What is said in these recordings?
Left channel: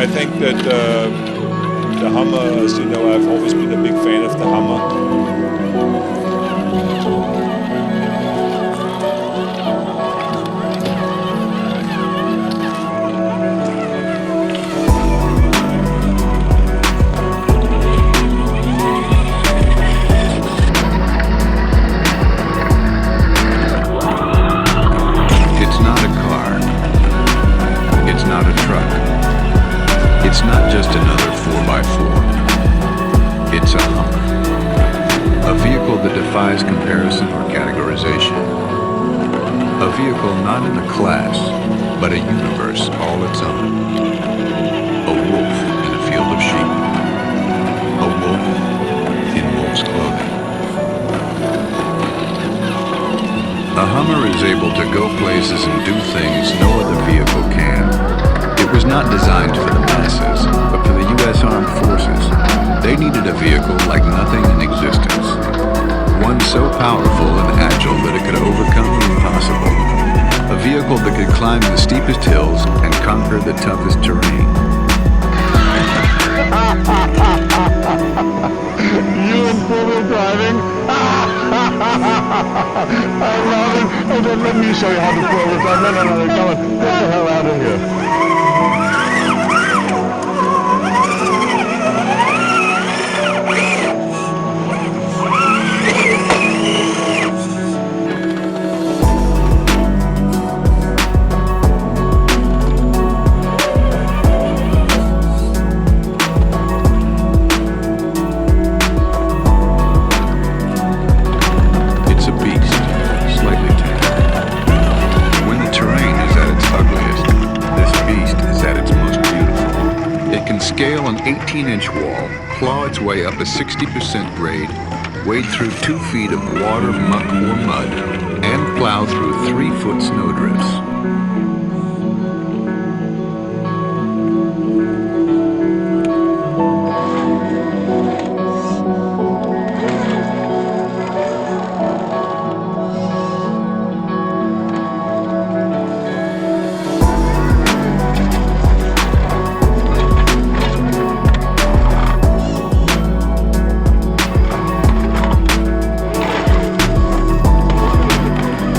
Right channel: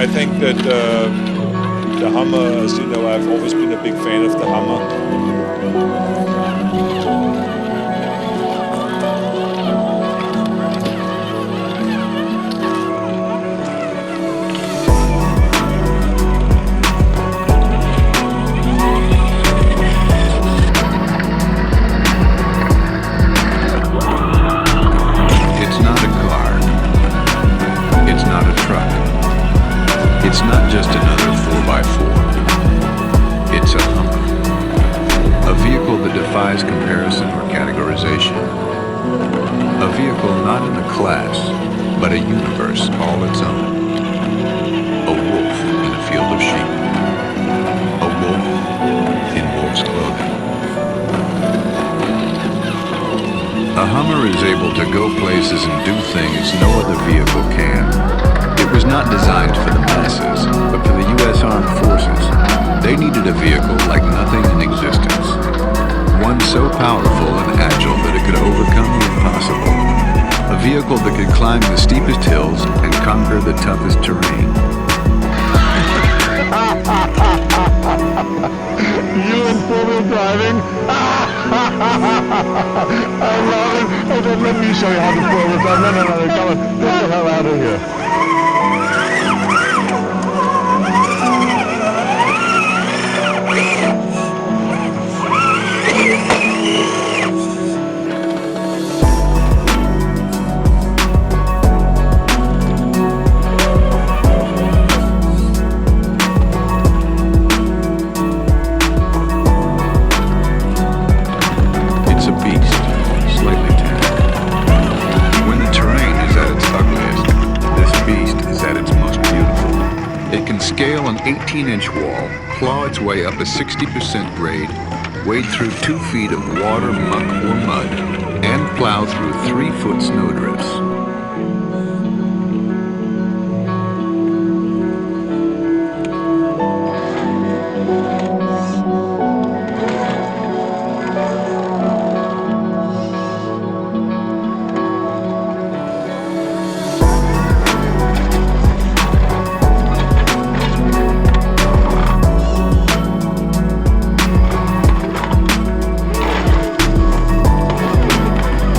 I think that the Hummer, as you know, I've always been a big fan of the Hummer. It's not just another 4x4. It's a Hummer. A vehicle that defies comparison or categorization. A vehicle not in a class, but a universe all its own. A wolf in a field of sheep. A wolf in wolf's clothing. A Hummer is able to go places and do things no other vehicle can. It was not designed for the masses, but for the U.S. Armed Forces. They needed a vehicle like nothing in existence. One so powerful and agile that it could overcome the impossible. A vehicle that could climb the steepest hills and conquer the toughest terrain. You in four-wheel driving? I love it. Oh, then let me show you how to four-wheel drive. No, come on. Get the hell out of here. Scale an 18-inch wall, claw its way up a 60% grade, wade through 2 feet of water, muck, or mud, and plow through 3-foot snowdrifts.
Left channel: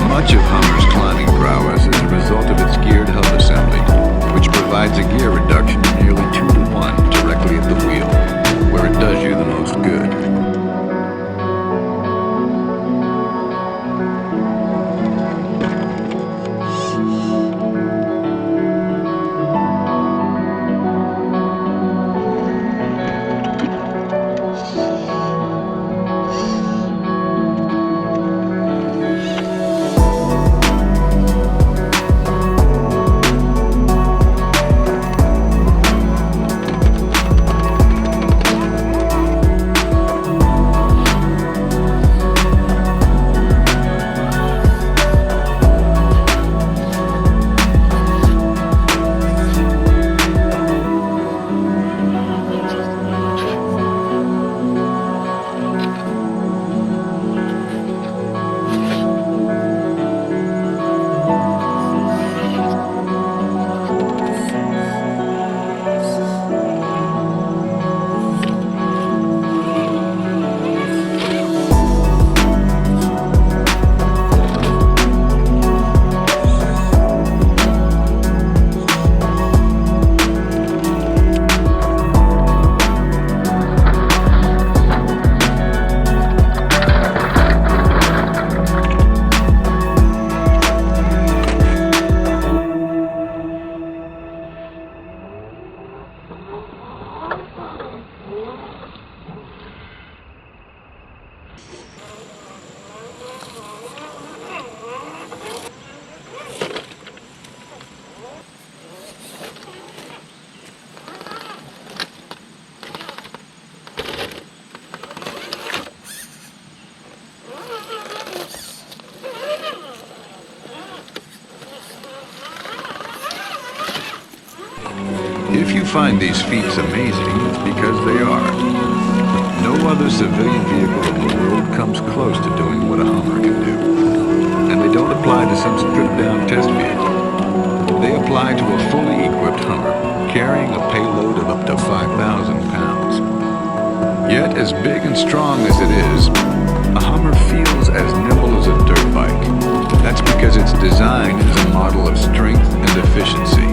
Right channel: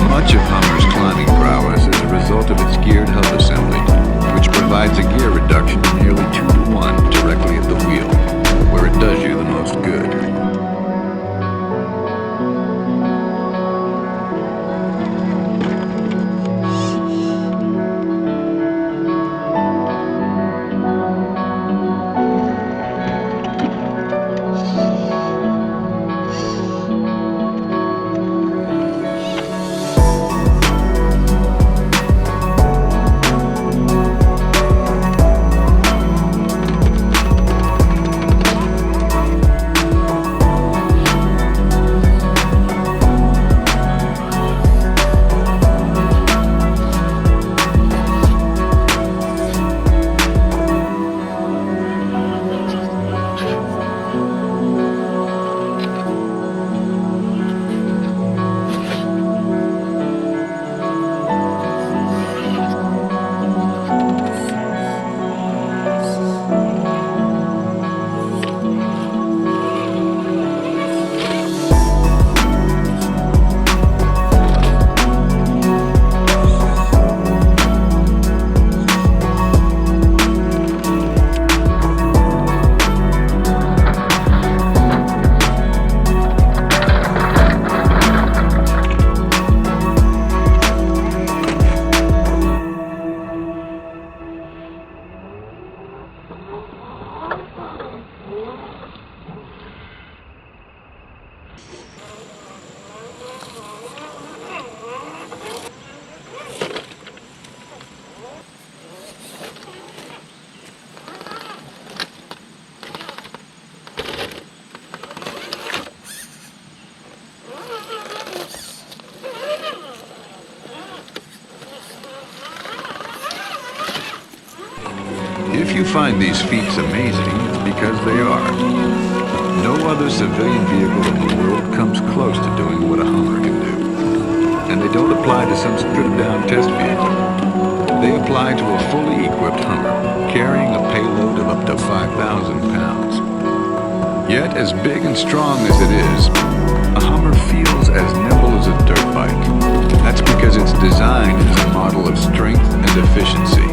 Much of Hummer's climbing prowess is a result of its geared hub assembly, which provides a gear reduction of nearly 2-to-1 directly at the wheel, where it does you the most good. If you find these feats amazing, it's because they are. No other civilian vehicle in the world comes close to doing what a Hummer can do. And they don't apply to some stripped-down test vehicle. They apply to a fully equipped Hummer, carrying a payload of up to 5,000 pounds. Yet, as big and strong as it is, a Hummer feels as nimble as a dirt bike. That's because its design is a model of strength and efficiency.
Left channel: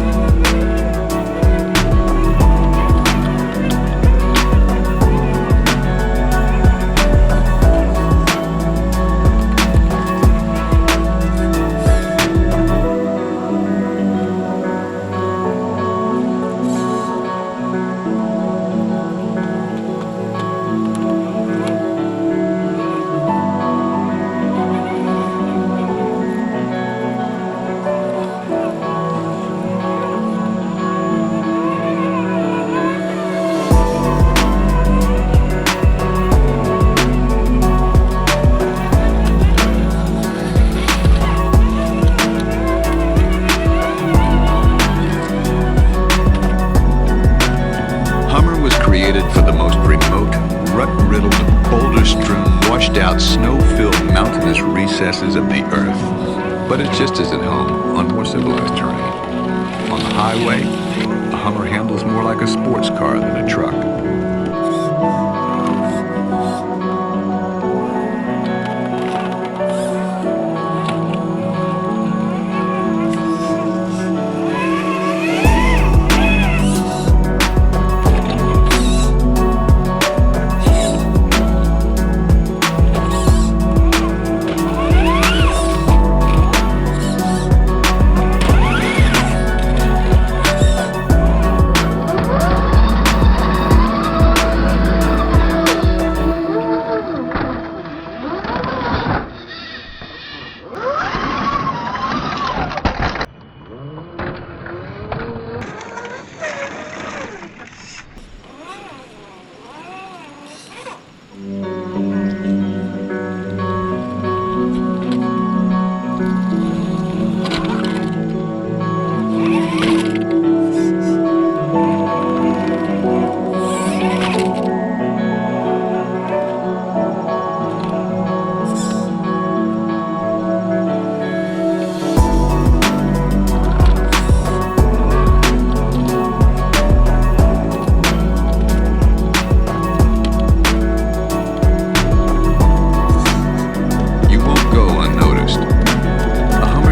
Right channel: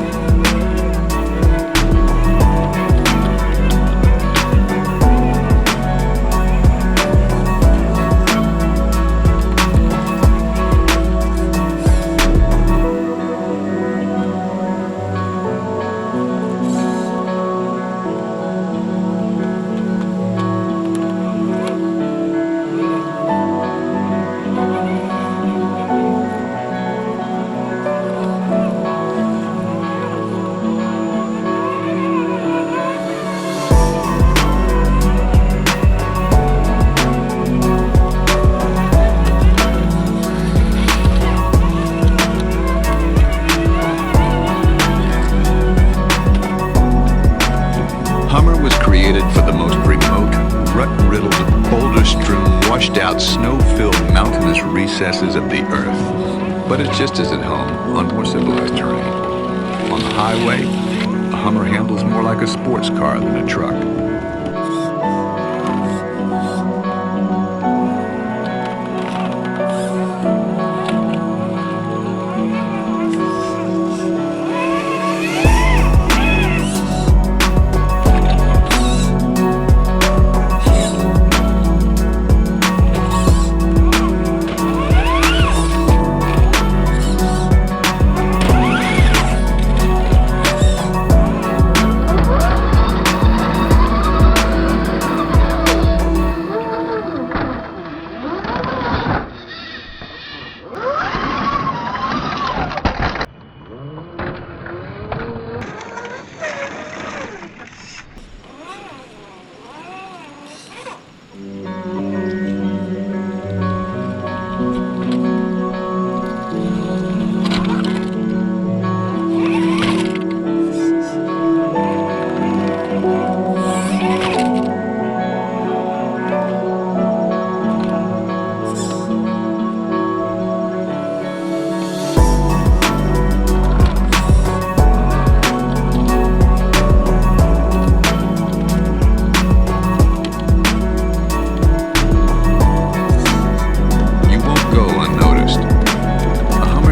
Hummer was created for the most remote, rut-riddled, boulder-strewn, washed-out, snow-filled mountainous recesses of the earth. But it's just as at home on more civilized terrain. On the highway, a Hummer handles more like a sports car than a truck.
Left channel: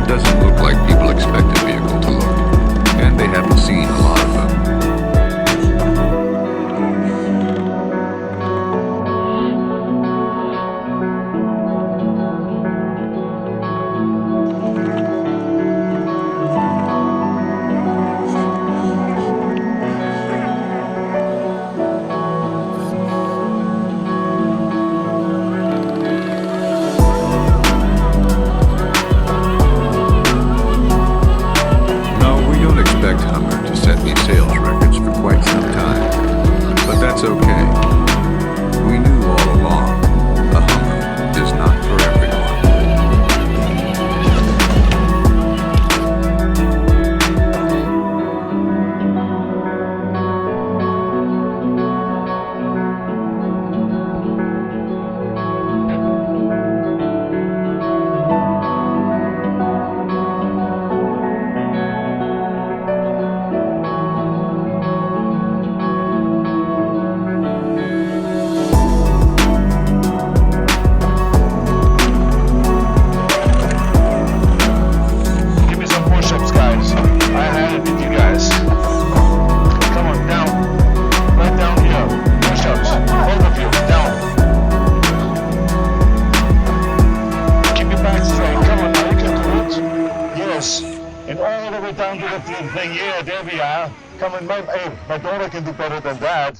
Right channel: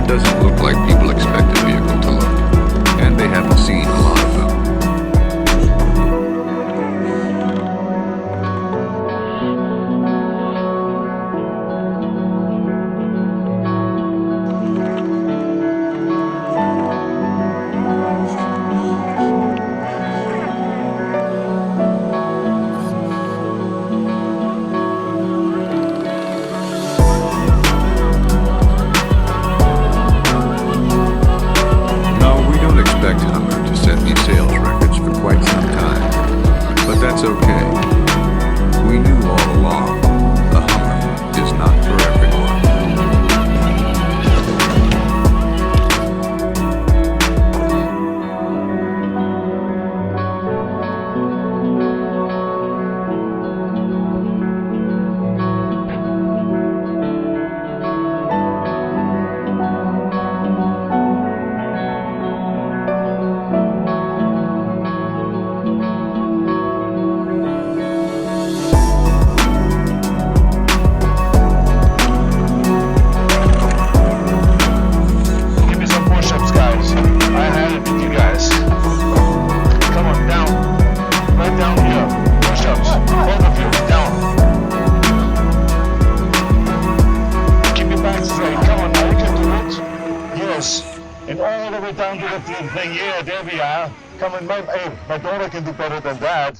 Doesn't look like people expect a vehicle to look, and they haven't seen a lot of them. Expect Hummer to set new sales records for quite some time, but that's okay. We knew all along, a Hummer is not for everyone. And all the way down to the thing. Yeah, there we are. Come on, my daughter can do better than that.